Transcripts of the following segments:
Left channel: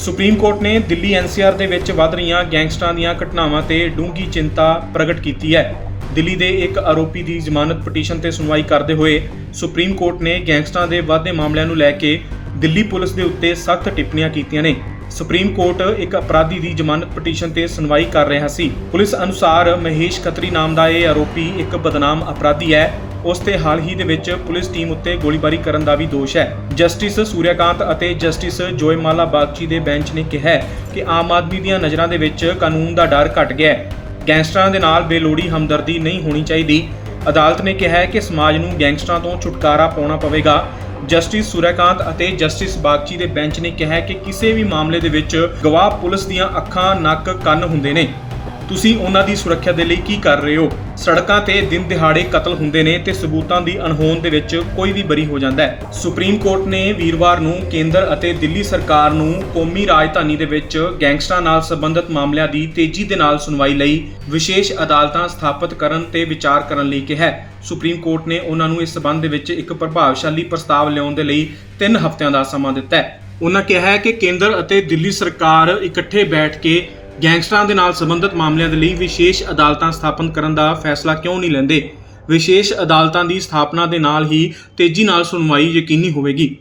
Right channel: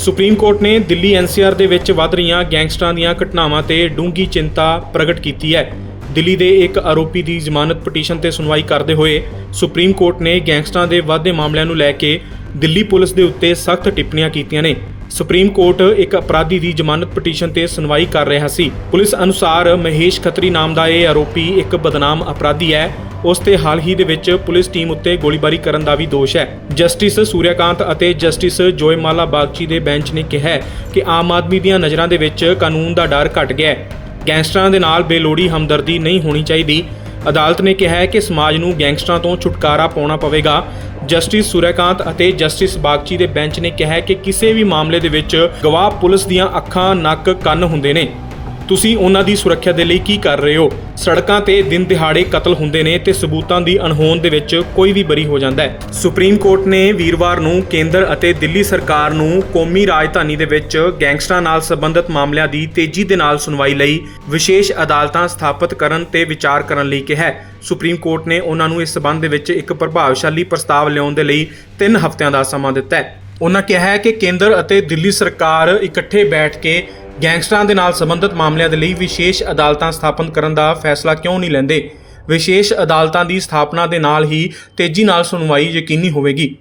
Supreme court ਨੇ Delhi NCR ਦੇ ਵਿੱਚ ਵੱਧ ਰਹੀਆਂ ਗੈਂਗਸਟਰਾਂ ਦੀਆਂ ਘਟਨਾਵਾਂ ਤੇ ਡੂੰਘੀ ਚਿੰਤਾ ਪ੍ਰਗਟ ਕੀਤੀ ਹੈ। ਦਿੱਲੀ ਦੇ ਇੱਕ ਆਰੋਪੀ ਦੀ ਜ਼ਮਾਨਤ ਪਟੀਸ਼ਨ ਤੇ ਸੁਣਵਾਈ ਕਰਦੇ ਹੋਏ ਸੁਪਰੀਮ ਕੋਰਟ ਨੇ ਗੈਂਗਸਟਰਾਂ ਦੇ ਵਾਧੇ ਮਾਮਲਿਆਂ ਨੂੰ ਲੈ ਕੇ ਦਿੱਲੀ ਪੁਲਿਸ ਦੇ ਉੱਤੇ ਸਖਤ ਟਿੱਪਣੀਆਂ ਕੀਤੀਆਂ ਨੇ। ਸੁਪਰੀਮ ਕੋਰਟ ਇੱਕ ਅਪਰਾਧੀ ਦੀ ਜ਼ਮਾਨਤ ਪਟੀਸ਼ਨ ਤੇ ਸੁਣਵਾਈ ਕਰ ਰਿਹਾ ਸੀ। ਪੁਲਿਸ ਅਨੁਸਾਰ ਮਹੇਸ਼ ਖੱਤਰੀ ਨਾਮ ਦਾ ਇਹ ਆਰੋਪੀ ਇੱਕ ਬਦਨਾਮ ਅਪਰਾਧੀ ਹੈ। ਉਸ ਤੇ ਹਾਲ ਹੀ ਦੇ ਵਿੱਚ ਪੁਲਿਸ ਟੀਮ ਉੱਤੇ ਗੋਲੀਬਾਰੀ ਕਰਨ ਦਾ ਵੀ ਦੋਸ਼ ਹੈ। ਜਸਟਿਸ ਸੂਰਿਆਕਾਂਤ ਅਤੇ ਜਸਟਿਸ ਜੋਇਮਾਲਾ ਬਾਗਚੀ ਦੇ ਬੈਂਚ ਨੇ ਕਿਹਾ ਕਿ ਆਮ ਆਦਮੀ ਦੀਆਂ ਨਜ਼ਰਾਂ ਦੇ ਵਿੱਚ ਕਾਨੂੰਨ ਦਾ ਡਰ ਘਟ ਗਿਆ ਹੈ। ਗੈਂਗਸਟਰਾਂ ਦੇ ਨਾਲ ਬੇਲੋੜੀ ਹਮਦਰਦੀ ਨਹੀਂ ਹੋਣੀ ਚਾਹੀਦੀ। ਅਦਾਲਤ ਨੇ ਕਿਹਾ ਹੈ ਕਿ ਸਮਾਜ ਨੂੰ ਗੈਂਗਸਟਰਾਂ ਤੋਂ ਛੁਟਕਾਰਾ ਪਾਉਣਾ ਪਵੇਗਾ। ਜਸਟਿਸ ਸੂਰਿਆਕਾਂਤ ਅਤੇ ਜਸਟਿਸ ਬਾਗਚੀ ਦੇ ਬੈਂਚ ਨੇ ਕਿਹਾ ਹੈ ਕਿ ਕਿਸੇ ਵੀ ਮਾਮਲੇ ਦੇ ਵਿੱਚ ਗਵਾਹ ਪੁਲਿਸ ਦੀਆਂ ਅੱਖਾਂ, ਨੱਕ, ਕੰਨ ਹੁੰਦੇ ਨੇ। ਤੁਸੀਂ ਉਹਨਾਂ ਦੀ ਸੁਰੱਖਿਆ ਦੇ ਲਈ ਕੀ ਕਰ ਰਹੇ ਹੋ? ਸੜਕਾਂ ਤੇ ਦਿਨ ਦਿਹਾੜੇ ਕਤਲ ਹੁੰਦੇ ਨੇ ਤੇ ਸਬੂਤਾਂ ਦੀ ਅਣਹੋਂਦ ਦੇ ਵਿੱਚ ਕੋਈ ਵੀ ਬਰੀ ਹੋ ਜਾਂਦਾ ਹੈ। ਸੁਪਰੀਮ ਕੋਰਟ ਨੇ ਵੀਰਵਾਰ ਨੂੰ ਕੇਂਦਰ ਅਤੇ ਦਿੱਲੀ ਸਰਕਾਰ ਨੂੰ ਕੌਮੀ ਰਾਜਧਾਨੀ ਦੇ ਵਿੱਚ ਗੈਂਗਸਟਰਾਂ ਨਾਲ ਸੰਬੰਧਿਤ ਮਾਮਲਿਆਂ ਦੀ ਤੇਜ਼ੀ ਦੇ ਨਾਲ ਸੁਣਵਾਈ ਲਈ ਵਿਸ਼ੇਸ਼ ਅਦਾਲਤਾਂ ਸਥਾਪਿਤ ਕਰਨ ਤੇ ਵਿਚਾਰ ਕਰਨ ਲਈ ਕਿਹਾ ਹੈ। ਸੁਪਰੀਮ ਕੋਰਟ ਨੇ ਉਹਨਾਂ ਨੂੰ ਇਸ ਸਬੰਧ ਦੇ ਵਿੱਚ ਇੱਕ ਪ੍ਰਭਾਵਸ਼ਾਲੀ ਪ੍ਰਸਤਾਵ ਲਿਆਉਣ ਦੇ ਲਈ 3 ਹਫ਼ਤਿਆਂ ਦਾ ਸਮਾਂ ਦਿੱਤਾ ਹੈ। ਉਹਨਾਂ ਕਿਹਾ ਹੈ ਕਿ ਕੇਂਦਰ ਅਤੇ ਦਿੱਲੀ ਸਰਕਾਰ ਇਕੱਠੇ ਬੈਠ ਕੇ ਗੈਂਗਸਟਰਾਂ ਦੇ ਨਾਲ ਸੰਬੰਧਿਤ ਮਾਮਲਿਆਂ ਦੇ ਲਈ ਵਿਸ਼ੇਸ਼ ਅਦਾਲਤਾਂ ਸਥਾਪਨ ਕਰਨ ਦਾ ਫੈਸਲਾ ਕਿਉਂ ਨਹੀਂ ਲੈਂਦੇ? ਵਿਸ਼ੇਸ਼ ਅਦਾਲਤਾਂ ਦੀ ਸਥਾਪਨਾ ਦੇ ਨਾਲ ਹੀ ਤੇਜ਼ੀ ਨਾਲ ਸੁਣਵਾਈ ਯਕੀਨੀ ਹੋਵੇਗੀ।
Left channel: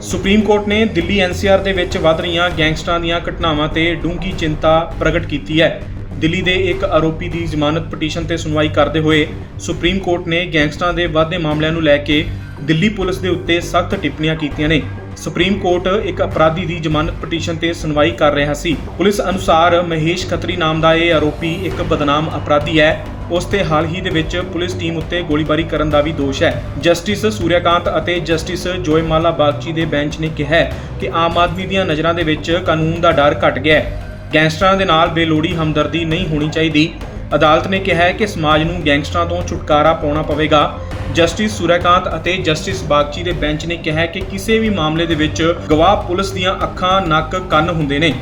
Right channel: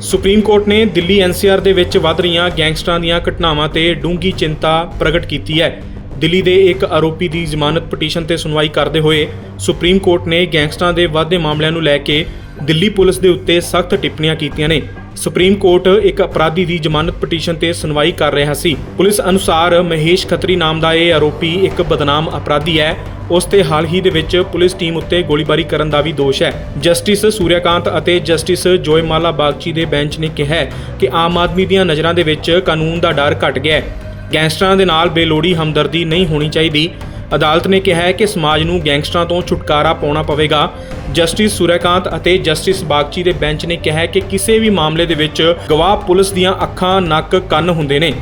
ਸੁਪਰੀਮ ਕੋਰਟ ਨੇ ਦਿੱਲੀ ਐਨਸੀਆਰ ਦੇ ਵਿੱਚ ਵੱਧ ਰਹੀਆਂ ਗੈਂਗਸਟਰਾਂ ਦੀਆਂ ਘਟਨਾਵਾਂ ਤੇ ਡੂੰਘੀ ਚਿੰਤਾ ਪ੍ਰਗਟ ਕੀਤੀ ਹੈ। ਦਿੱਲੀ ਦੇ ਇੱਕ ਆਰੋਪੀ ਦੀ ਜ਼ਮਾਨਤ ਪਟੀਸ਼ਨ ਤੇ ਸੁਣਵਾਈ ਕਰਦੇ ਹੋਏ ਸੁਪਰੀਮ ਕੋਰਟ ਨੇ ਗੈਂਗਸਟਰਾਂ ਦੇ ਵੱਧਦੇ ਮਾਮਲਿਆਂ ਨੂੰ ਲੈ ਕੇ ਦਿੱਲੀ ਪੁਲਿਸ ਦੇ ਉੱਤੇ ਸਖਤ ਟਿੱਪਣੀਆਂ ਕੀਤੀਆਂ ਨੇ। ਸੁਪਰੀਮ ਕੋਰਟ ਇੱਕ ਅਪਰਾਧੀ ਦੀ ਜ਼ਮਾਨਤ ਪਟੀਸ਼ਨ ਤੇ ਸੁਣਵਾਈ ਕਰ ਰਿਹਾ ਸੀ। ਪੁਲਿਸ ਅਨੁਸਾਰ ਮਹੇਸ਼ ਖੱਤਰੀ ਨਾਮ ਦਾ ਇਹ ਆਰੋਪੀ ਇੱਕ ਬਦਨਾਮ ਅਪਰਾਧੀ ਹੈ। ਉਸ ਤੇ ਹਾਲ ਹੀ ਦੇ ਵਿੱਚ ਪੁਲਿਸ ਟੀਮ ਉੱਤੇ ਗੋਲੀਬਾਰੀ ਕਰਨ ਦਾ ਵੀ ਦੋਸ਼ ਹੈ। ਜਸਟਿਸ ਸੂਰਿਆਕਾਂਤ ਅਤੇ ਜਸਟਿਸ ਜੋਇਮਾਲਾ ਬਾਗਚੀ ਦੇ ਬੈਂਚ ਨੇ ਕਿਹਾ ਕਿ ਆਮ ਆਦਮੀ ਦੀਆਂ ਨਜ਼ਰਾਂ ਦੇ ਵਿੱਚ ਕਾਨੂੰਨ ਦਾ ਡਰ ਘਟ ਗਿਆ ਹੈ। ਗੈਂਗਸਟਰਾਂ ਦੇ ਨਾਲ ਬੇਲੋੜੀ ਹਮਦਰਦੀ ਨਹੀਂ ਹੋਣੀ ਚਾਹੀਦੀ। ਅਦਾਲਤ ਨੇ ਕਿਹਾ ਹੈ ਕਿ ਸਮਾਜ ਨੂੰ ਗੈਂਗਸਟਰਾਂ ਤੋਂ ਛੁਟਕਾਰਾ ਪਾਉਣਾ ਪਵੇਗਾ। ਜਸਟਿਸ ਸੂਰਿਆਕਾਂਤ ਅਤੇ ਜਸਟਿਸ ਬਾਗਚੀ ਦੇ ਬੈਂਚ ਨੇ ਕਿਹਾ ਕਿ ਕਿਸੇ ਵੀ ਮਾਮਲੇ ਦੇ ਵਿੱਚ ਗਵਾਹ ਪੁਲਿਸ ਦੀਆਂ ਅੱਖਾਂ, ਨੱਕ, ਕੰਨ ਹੁੰਦੇ ਨੇ।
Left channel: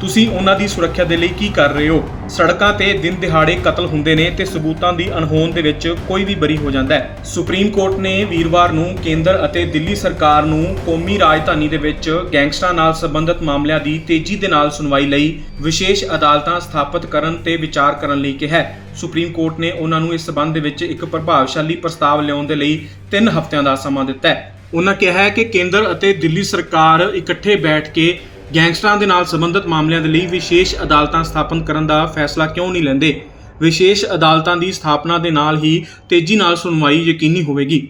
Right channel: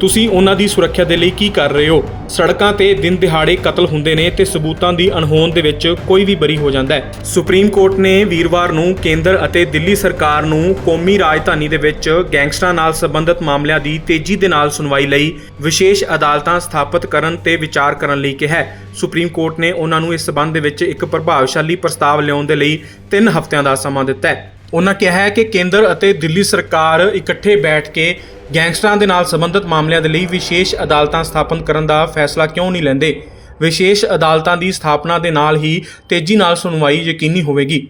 ਤੁਸੀਂ ਉਹਨਾਂ ਦੀ ਸੁਰੱਖਿਆ ਦੇ ਲਈ ਕੀ ਕਰ ਰਹੇ ਹੋ? ਸੜਕਾਂ ਤੇ ਦਿਨ ਦਿਹਾੜੇ ਕਤਲ ਹੁੰਦੇ ਨੇ ਤੇ ਸਬੂਤਾਂ ਦੀ ਅਣਹੋਂਦ ਦੇ ਵਿੱਚ ਕੋਈ ਵੀ ਬਰੀ ਹੋ ਜਾਂਦਾ ਹੈ। ਸੁਪਰੀਮ ਕੋਰਟ ਨੇ ਵੀਰਵਾਰ ਨੂੰ ਕੇਂਦਰ ਅਤੇ ਦਿੱਲੀ ਸਰਕਾਰ ਨੂੰ ਕੌਮੀ ਰਾਜਧਾਨੀ ਦੇ ਵਿੱਚ ਗੈਂਗਸਟਰਾਂ ਨਾਲ ਸੰਬੰਧਿਤ ਮਾਮਲਿਆਂ ਦੀ ਤੇਜ਼ੀ ਦੇ ਨਾਲ ਸੁਣਵਾਈ ਲਈ ਵਿਸ਼ੇਸ਼ ਅਦਾਲਤਾਂ ਸਥਾਪਿਤ ਕਰਨ ਤੇ ਵਿਚਾਰ ਕਰਨ ਲਈ ਕਿਹਾ ਹੈ। ਸੁਪਰੀਮ ਕੋਰਟ ਨੇ ਉਹਨਾਂ ਨੂੰ ਇਸ ਸਬੰਧ ਦੇ ਵਿੱਚ ਇੱਕ ਪ੍ਰਭਾਵਸ਼ਾਲੀ ਪ੍ਰਸਤਾਵ ਲਿਆਉਣ ਦੇ ਲਈ 3 ਹਫ਼ਤਿਆਂ ਦਾ ਸਮਾਂ ਦਿੱਤਾ ਹੈ। ਉਹਨਾਂ ਕਿਹਾ ਹੈ ਕਿ ਕੇਂਦਰ ਅਤੇ ਦਿੱਲੀ ਸਰਕਾਰ ਇਕੱਠੇ ਬੈਠ ਕੇ ਗੈਂਗਸਟਰਾਂ ਦੇ ਨਾਲ ਸੰਬੰਧਿਤ ਮਾਮਲਿਆਂ ਦੇ ਲਈ ਵਿਸ਼ੇਸ਼ ਅਦਾਲਤਾਂ ਸਥਾਪਨ ਕਰਨ ਦਾ ਫੈਸਲਾ ਕਿਉਂ ਨਹੀਂ ਲੈਂਦੇ? ਵਿਸ਼ੇਸ਼ ਅਦਾਲਤਾਂ ਦੀ ਸਥਾਪਨਾ ਦੇ ਨਾਲ ਹੀ ਤੇਜ਼ੀ ਨਾਲ ਸੁਣਵਾਈ ਯਕੀਨੀ ਹੋਵੇਗੀ।